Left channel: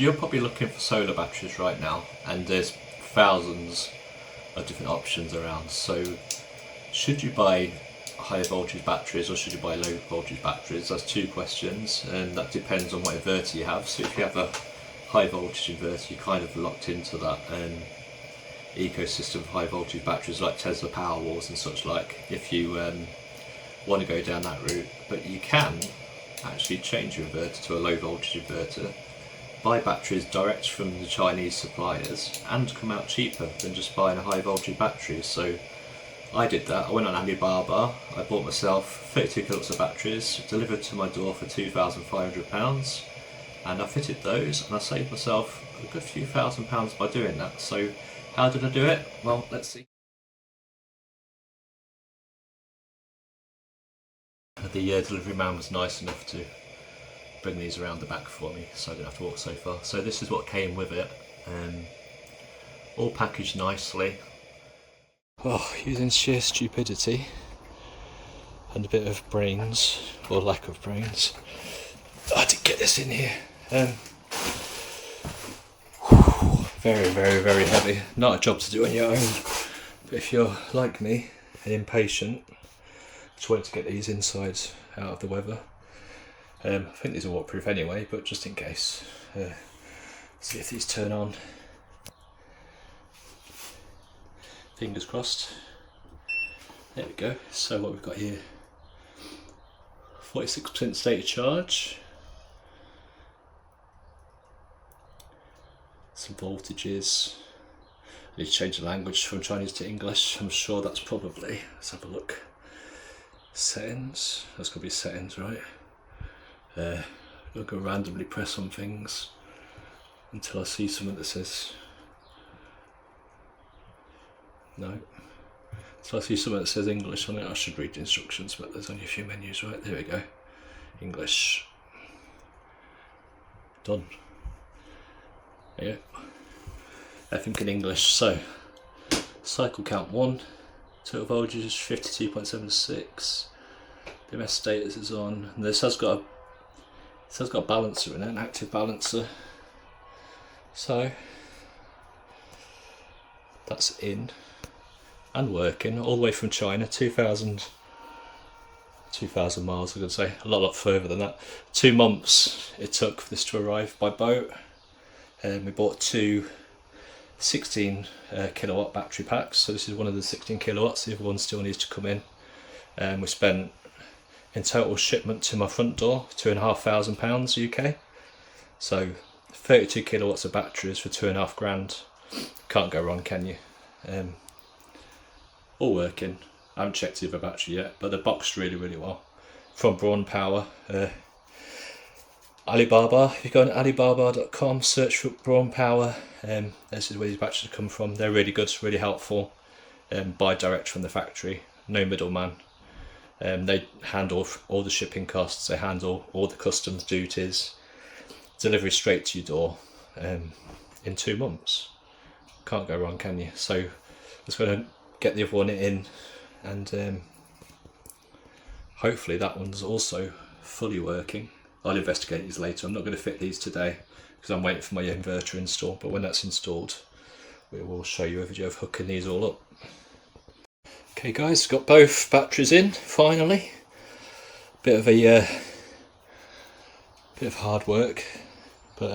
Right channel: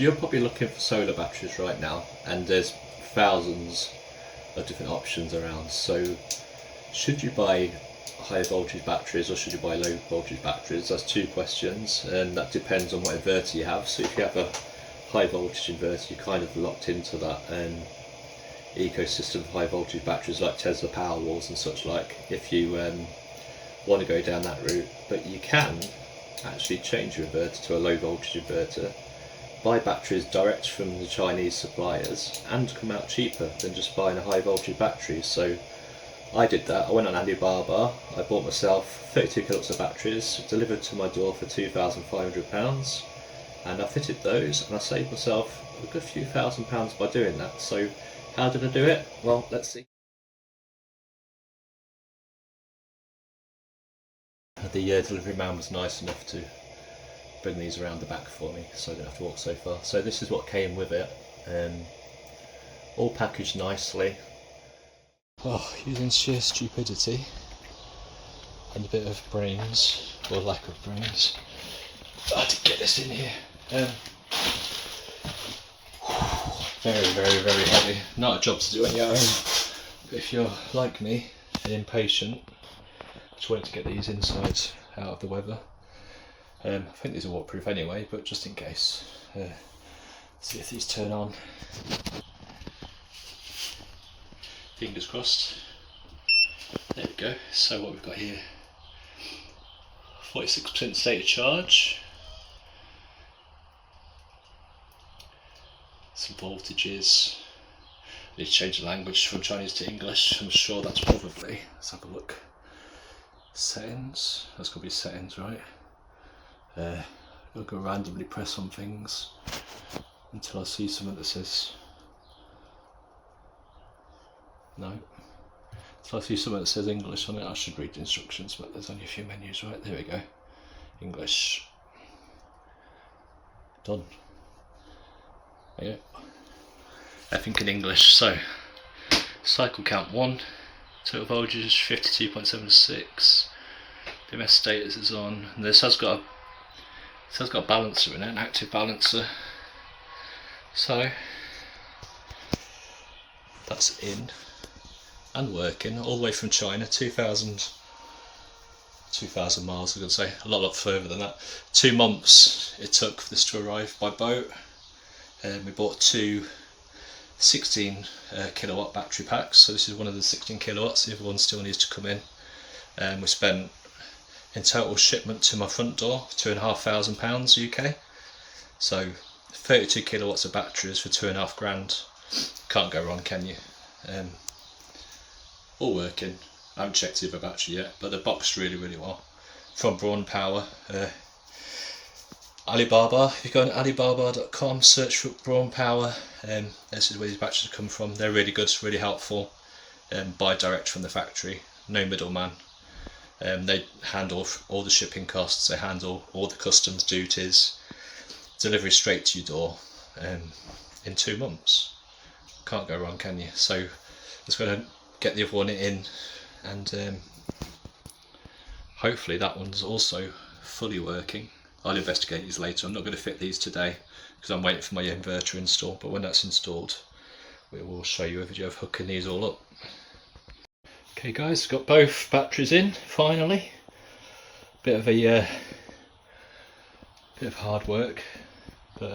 So you're probably looking for solar batteries right now, and there's thousands of different options around. So should you buy high voltage batteries or should you buy low voltage batteries? That's two questions, and that depends on what inverter you have. So if you have a high voltage inverter, you're kind of locked into that ecosystem of high voltage batteries like Tesla Powerwalls and such like, if you want to go down that route. But you can actually change your inverter to a low voltage inverter, buy batteries direct from the Chinese suppliers, and come out cheaper than just buying a high voltage battery. So I did that. I went on Alibaba, I bought myself 32 kilowatts of batteries delivered to my door for £2,500, and I fitted those and I saved myself a good few £1,000s by doing that. So how did I do it? Well, let's see. The delivery man was nice enough to bring these around the back for me so I didn't have to walk so far. So this is what came with it, all packaged nicely. Oh, using sheer stupidity and a bit of brains, or lack of brains, I had to get this in here. Very heavy. Not a job to do on your own, but if you're like me and impatient, just wait to get these insides out of the weather. I think these are waterproof anyway, but just in case. See if these turn on. Fingers crossed. There we go. So what we've got here, 46% state of charge. Some voltages. I need to change the language from Chinese to English. I'm sure that's probably, let's have a look. Settings. That's got to be settings, right? I'll go randomly press on things until I see something that says no. So I see something that says English on it. I should read the instructions, but there's only a few menus, right? There we go. English. Done. There you go. Everything in English. So, cycle count 1, total voltage 52.76. BMS status is on. And this has got a balancer in it, an active balancer. So that's in and working all the way from China, 2,000 miles, I could say, a lot further than that. 2 months it took for this to arrive by boat. We bought two 16 kilowatt battery packs, so this is one of the 16 kilowatts, the other one still needs to come in. We spent in total shipment to my front door £2,500 UK, so 32 kilowatts of batteries for £2,500. Can't go wrong, can you? All working. I haven't checked the other battery yet, but they're boxed really well. From Braun Power. Alibaba, if you go on alibaba.com, search for Braun Power, this is where these batteries come from. They're really good, really helpful. Buy direct from the factory, no middleman. They handle all the shipping costs, they handle all the customs duties, delivery straight to your door in 2 months. Can't go wrong, can you? So I'm just going to get the other one in, and hopefully that one's also fully working. I'll investigate these later. I'm not going to fit these today because I'm waiting for my inverter install, but when that's installed we will show you a video of hooking these all up. Okay guys, got both batteries in finally. Bit of hard work, but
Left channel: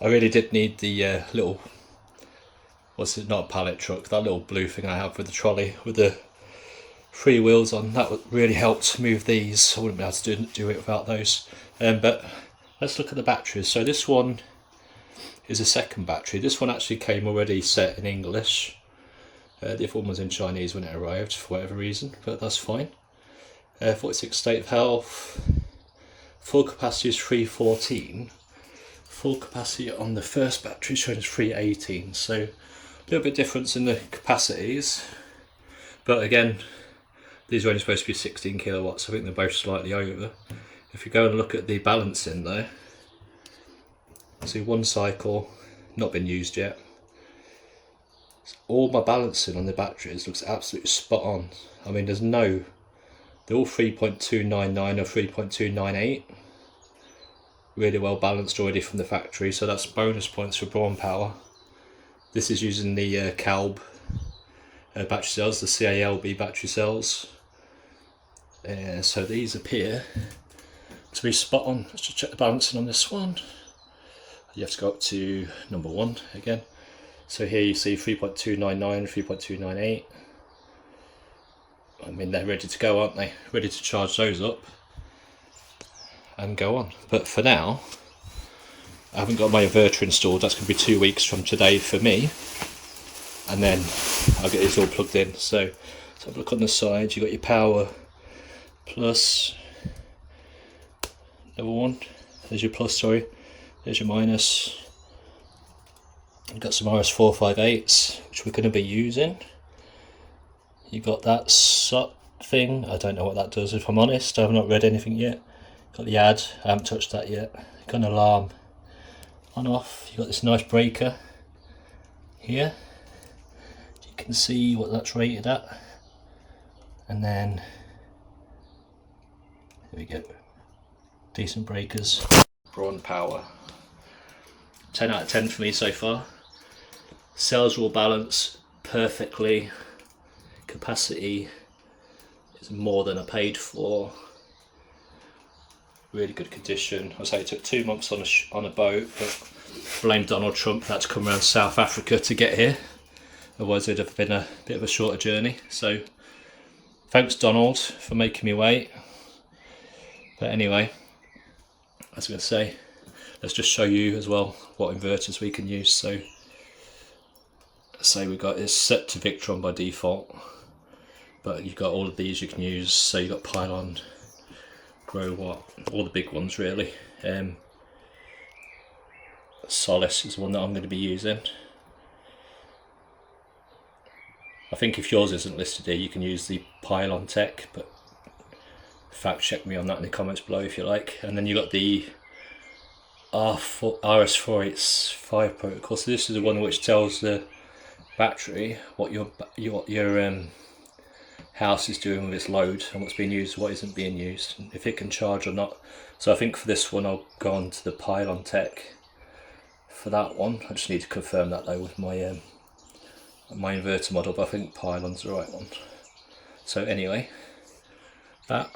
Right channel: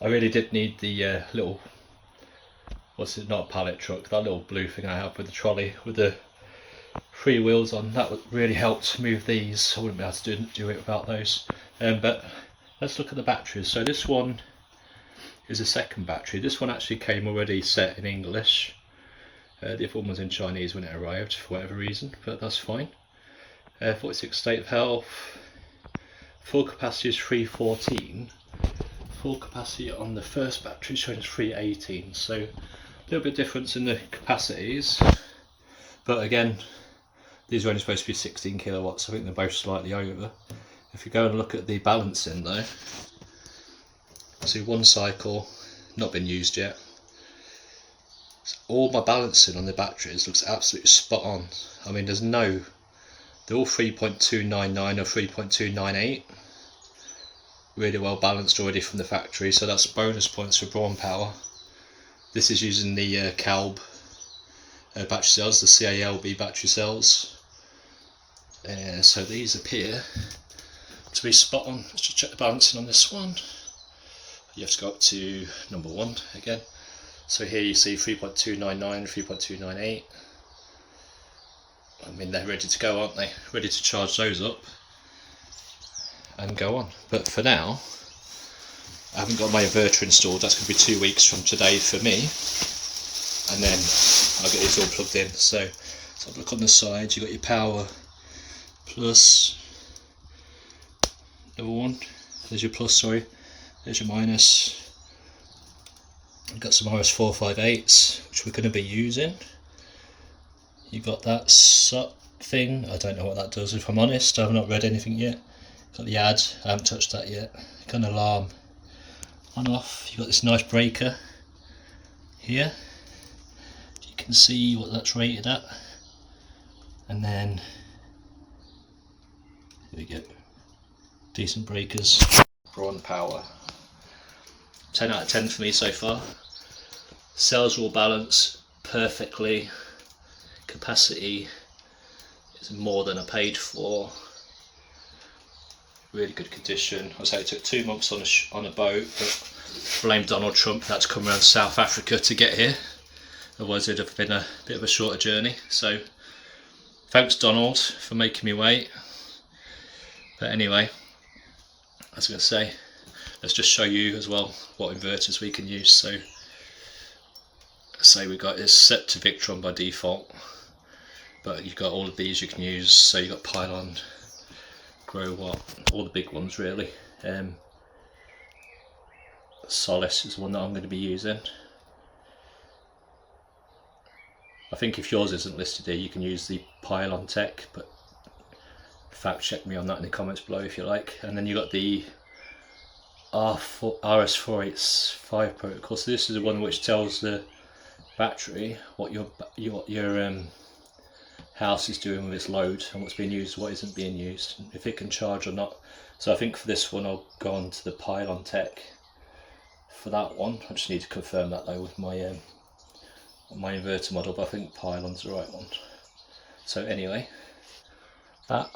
I really did need the little, what's it, not a pallet truck, that little blue thing I have with the trolley with the 3 wheels on. That really helped move these. I wouldn't be able to do it without those. But let's look at the batteries. So this one is a second battery. This one actually came already set in English. The other one was in Chinese when it arrived for whatever reason, but that's fine. 46 state of health. Full capacity is 314. Full capacity on the first battery shows 318. So a little bit difference in the capacities, but again, these are only supposed to be 16 kilowatts. I think they're both slightly over. If you go and look at the balancing though, see one cycle not been used yet. All my balancing on the batteries looks absolutely spot on. I mean, they're all 3.299 or 3.298. really well balanced already from the factory, so that's bonus points for Braun Power. This is using the CALB battery cells, the CALB battery cells. So these appear to be spot on. Let's just check the balancing on this one. You have to go up to number 1 again. So here you see 3.299, 3.298. I mean, they're ready to go, aren't they? Ready to charge those up and go on. But for now, I haven't got my inverter installed. That's going to be 2 weeks from today for me. And then I'll get these all plugged in. So let's have a look on the side. You've got your power plus, number 1. There's your plus, sorry. There's your minus. You've got some RS458s, which we're going to be using. You've got that SOT thing. I don't know what that does, if I'm honest. I've not read anything yet. Got the ad. I haven't touched that yet. Got an alarm on off. You've got this nice breaker here. You can see what that's rated at. And then, there we go. Decent breakers. Braun Power. 10 out of 10 for me so far. Cells will balance perfectly. Capacity is more than I paid for. Really good condition. I say it took 2 months on a boat, but blame Donald Trump. That's come around South Africa to get here. Otherwise it'd have been a bit of a shorter journey. So thanks Donald for making me wait. But anyway, I was going to say, let's just show you as well what inverters we can use. So say we got it's set to Victron by default, but you've got all of these you can use. So you've got Pylon, Grow Watt, all the big ones really. Solace is the one that I'm going to be using. I think if yours isn't listed here, you can use the Pylon Tech, but fact check me on that in the comments below if you like. And then you got the RS485 protocol. So this is the one which tells the battery what your house is doing with its load and what's being used, what isn't being used, if it can charge or not. So I think for this one I'll go on to the Pylon Tech for that one. I just need to confirm that though with my my inverter model, but I think Pylon's the right one. So anyway, that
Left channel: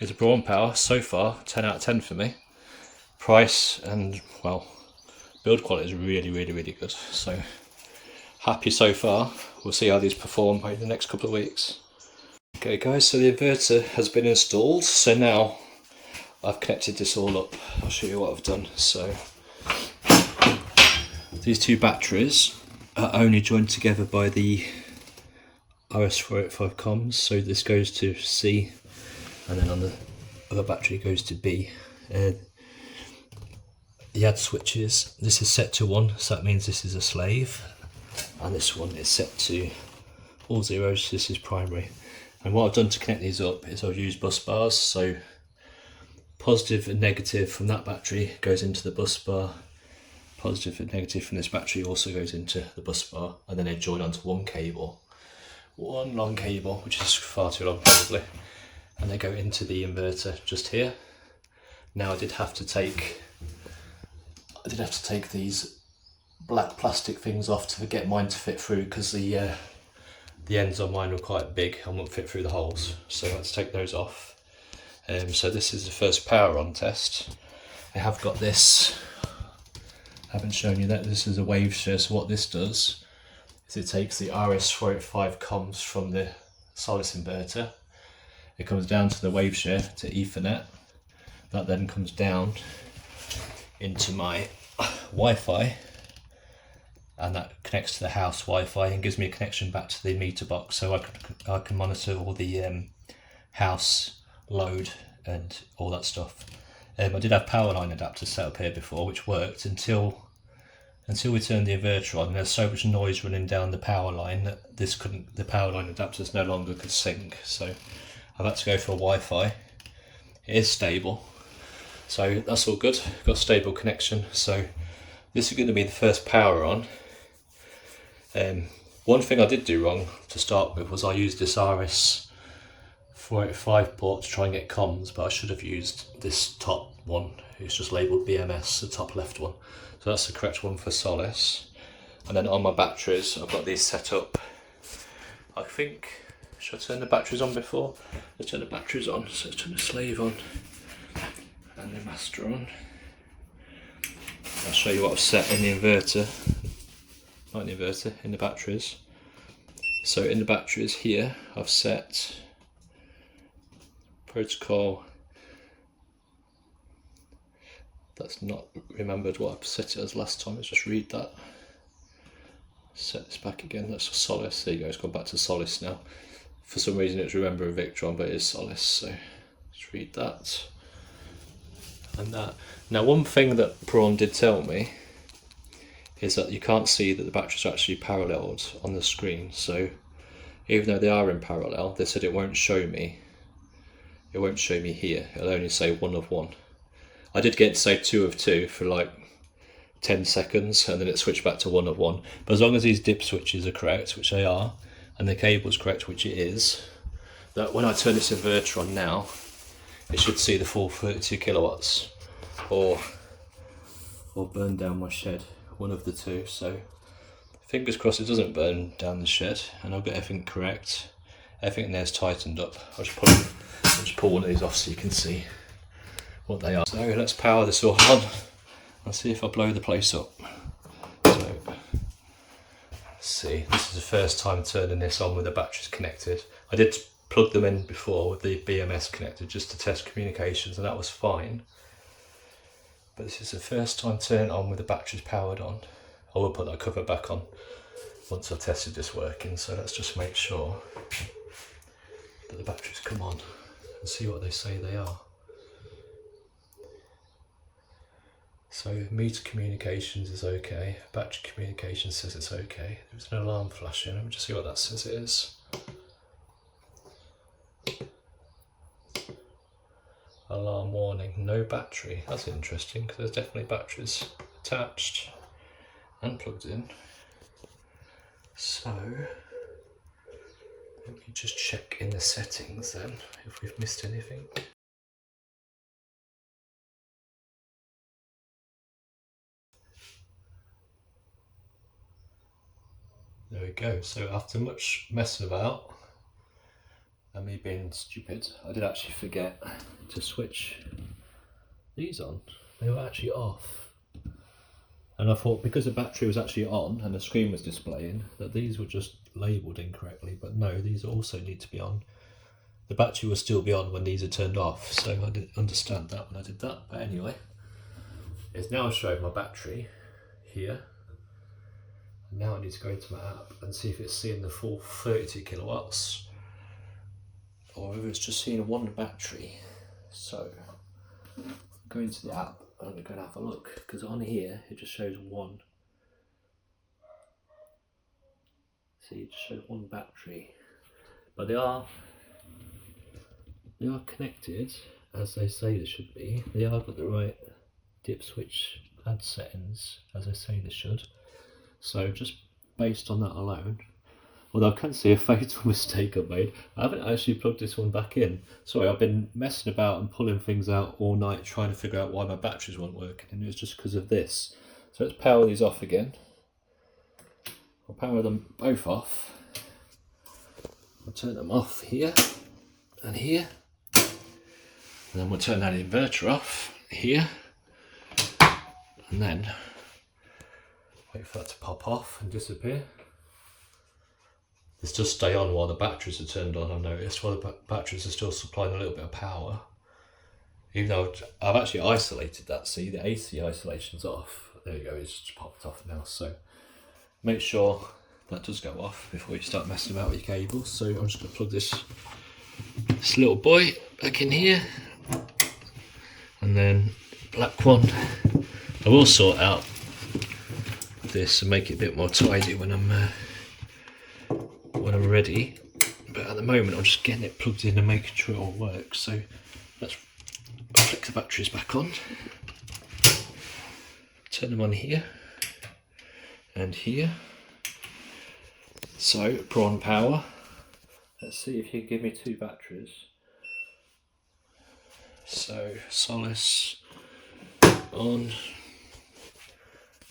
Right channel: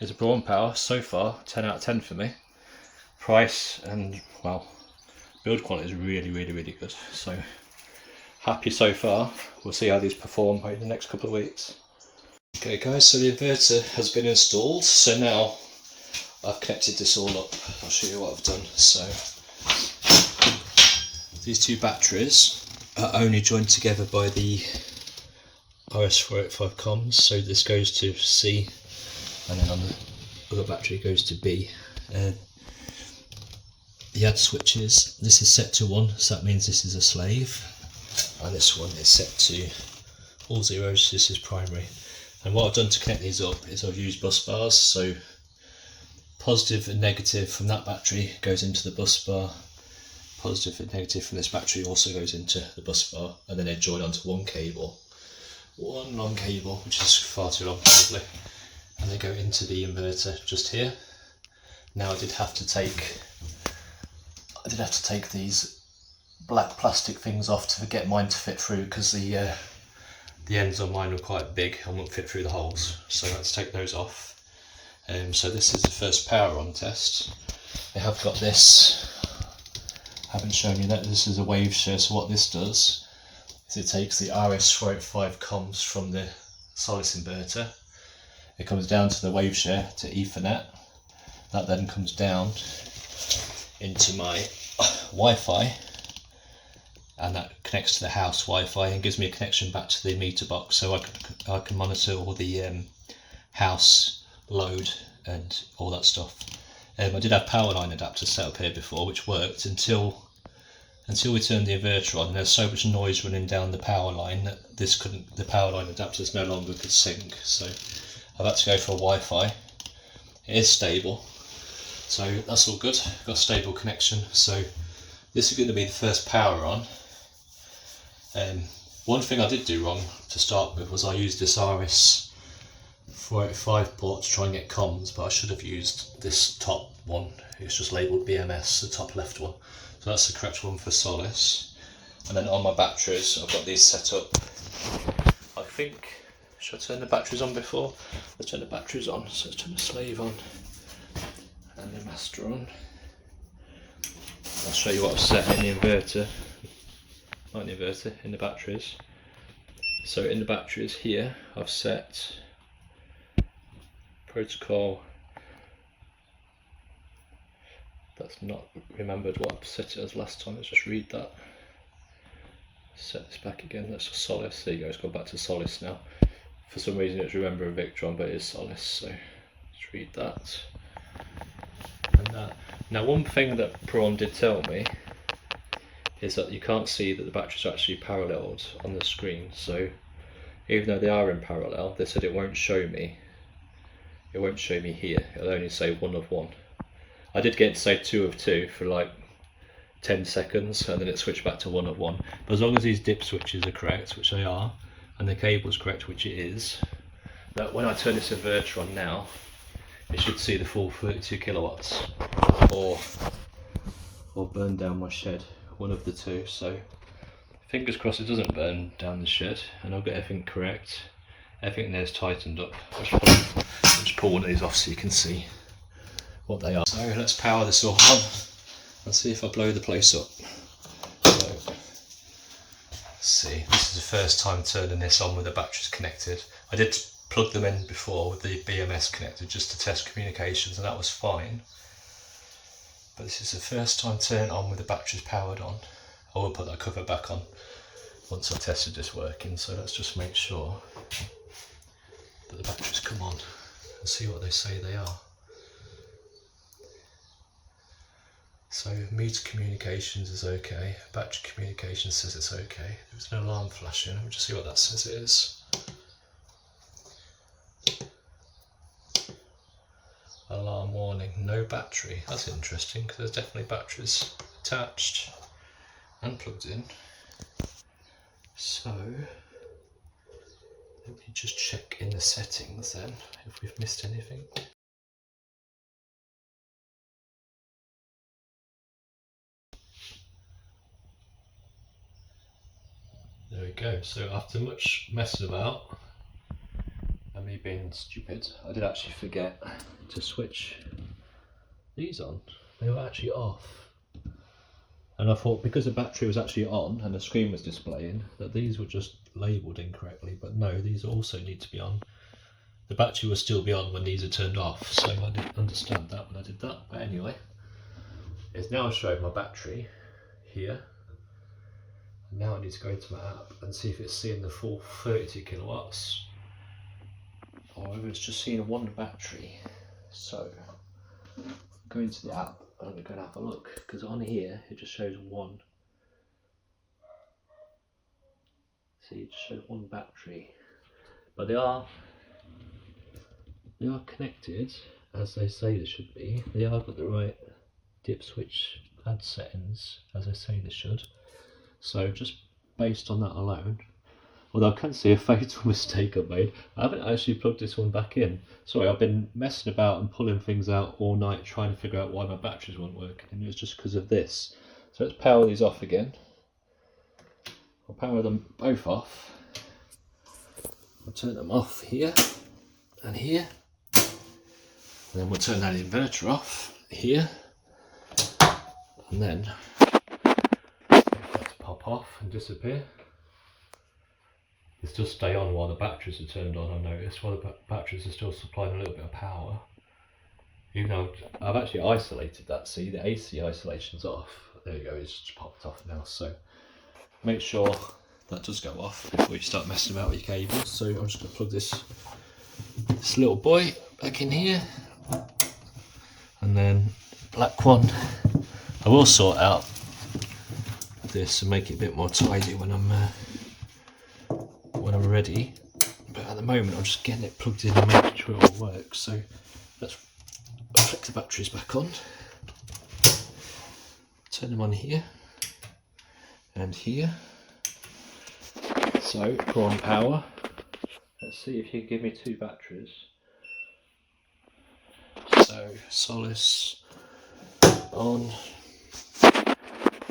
is a Braun Power. So far 10 out of 10 for me. Price and, well, build quality is really good. So happy so far. We'll see how these perform over the next couple of weeks. Okay guys, so the inverter has been installed. So now I've connected this all up. I'll show you what I've done. So these two batteries are only joined together by the RS485 comms. So this goes to C, and then on the other battery it goes to B. The add switches, this is set to 1, so that means this is a slave, and this one is set to all zeros. This is primary. And what I've done to connect these up is I've used bus bars. So positive and negative from that battery goes into the bus bar, positive and negative from this battery also goes into the bus bar, and then they join onto one cable, one long cable, which is far too long probably, and they go into the inverter just here. Now I did have to take these black plastic things off to get mine to fit through, because the ends on mine were quite big and won't fit through the holes, so I had to take those off. So this is the first power on test. I have got this, I haven't shown you that, this is a wave share. So what this does is it takes the RS485 comms from the Solace inverter, it comes down to the wave share to Ethernet, that then comes down into my Wi-Fi, and that connects to the house Wi-Fi and gives me a connection back to the meter box, so I can monitor all the house load and all that stuff. I did have power line adapters set up here before, which worked until we turned the inverter on. There's so much noise running down the power line that the power line adapters no longer could sync, so I've had to go for a Wi-Fi. It is stable, so that's all good. Got a stable connection. So this is going to be the first power on. One thing I did do wrong to start with was I used this RS485 port to try and get comms, but I should have used this top one it's just labelled BMS, the top left one. So that's the correct one for Solace. And then on my batteries, I've got these set up. I think, should I turn the batteries on before? Let's turn the batteries on. So let's turn the slave on and the master on. I'll show you what I've set in the inverter. Not in the inverter, in the batteries. So in the batteries here, I've set protocol. That's not remembered what I've set it as last time. Let's just read that. Set this back again. That's Solace. There you go. It's gone back to Solace now. For some reason, it's Remember a Victron, but it is Solace. So let's read that and that. Now, one thing that Braun did tell me is that you can't see that the batteries are actually paralleled on the screen. So even though they are in parallel, they said it won't show me. It won't show me here. It'll only say 1 of 1. I did get it to say 2 of 2 for like 10 seconds, and then it switched back to 1 of 1. But as long as these dip switches are correct, which they are, and the cable's correct, which it is, that when I turn this inverter on now, it should see the full 32 kilowatts, or burn down my shed, one of the two. So fingers crossed it doesn't burn down the shed, and I'll get everything correct. Everything there's tightened up. I'll just pull one of these off so you can see what they are. So let's power this all on and see if I blow the place up. So, let's see, this is the first time turning this on with the batteries connected. I did plug them in before with the BMS connected just to test communications, and that was fine. But this is the first time turning on with the batteries powered on. I will put that cover back on once I've tested this working, so let's just make sure that the batteries come on and see what they say they are. So meter communications is okay, battery communications says it's okay. There's an alarm flashing, let me just see what that says it is. Alarm warning, no battery. That's interesting because there's definitely batteries attached and plugged in. So let me just check in the settings then if we've missed anything. There we go. So after much messing about and me being stupid, I did actually forget to switch these on. They were actually off. And I thought because the battery was actually on and the screen was displaying that these were just labelled incorrectly, but no, these also need to be on. The battery will still be on when these are turned off, so I didn't understand that when I did that. But anyway, it's now showing my battery here. Now I need to go into my app and see if it's seeing the full 32 kilowatts or whether it's just seeing one battery. So go into the app and I'm going to have a look, because on here it just shows one. See, it just shows one battery, but they are connected as they say they should be. They are got the right dip switch add settings as they say they should. So just based on that alone, although I can see a fatal mistake I've made, I haven't actually plugged this one back in. Sorry, I've been messing about and pulling things out all night trying to figure out why my batteries weren't working, and it was just because of this. So let's power these off again. I'll power them both off. I'll turn them off here and here, and then we'll turn that inverter off here, and then wait for that to pop off and disappear. This does stay on while the batteries are turned on, I've noticed, while the batteries are still supplying a little bit of power. Even though I've actually isolated that, see, the AC isolation's off. There you go, it's just popped off now. So make sure that does go off before you start messing about with your cables. So I'm just going to plug this little boy back in here. And then black one, I will sort out this and make it a bit more tidy when I'm ready, but at the moment I'm just getting it plugged in and making sure it all works. So let's flick the batteries back on, turn them on here and here. So Braun Power, let's see if you can give me two batteries. So Solace on.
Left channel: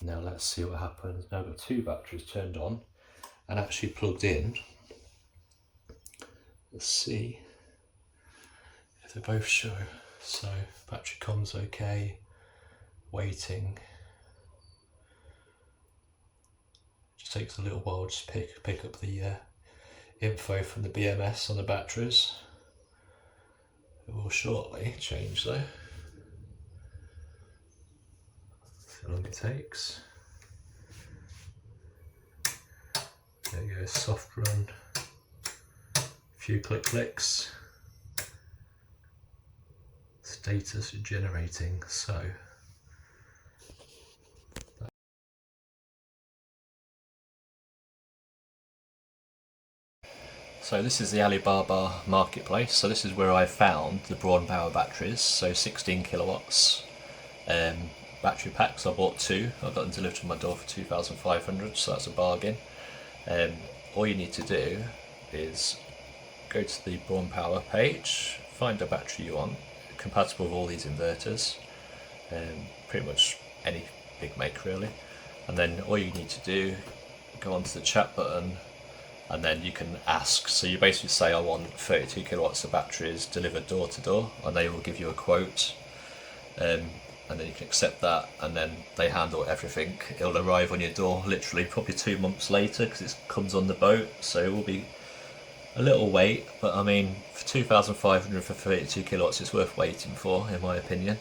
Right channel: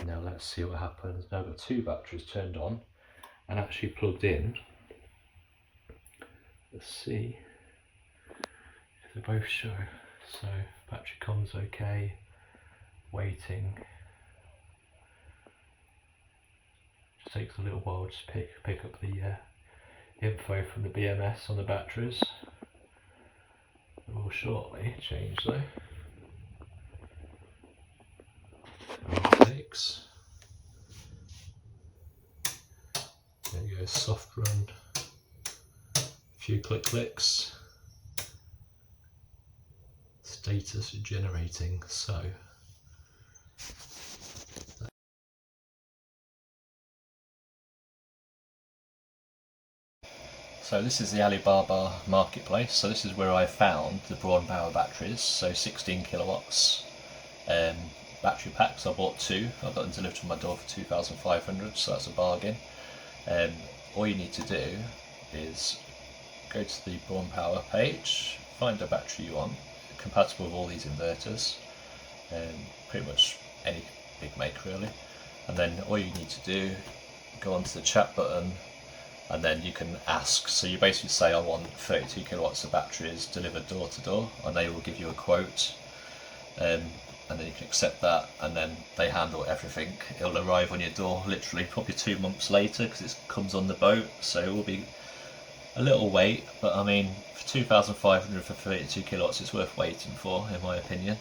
Now let's see what happens. Now I've got two batteries turned on and actually plugged in. Let's see if they both show. So battery comms okay, waiting. Just takes a little while just pick up the info from the BMS on the batteries. It will shortly change though. Takes. There you go, soft run. A few clicks. Status generating. So this is the Alibaba marketplace. So this is where I found the Braun Power batteries. So 16 kilowatts battery packs. I bought two. I got them delivered to my door for 2,500. So that's a bargain. All you need to do is go to the Braun Power page, find the battery you want, compatible with all these inverters, pretty much any big make really. And then all you need to do, go onto the chat button, and then you can ask. So you basically say, I want 32 kilowatts of batteries delivered door to door, and they will give you a quote, and then you can accept that, and then they handle everything. It'll arrive on your door literally probably 2 months later because it comes on the boat, so it will be a little wait, but I mean for 2,500 for 32 kilowatts it's worth waiting for, in my opinion.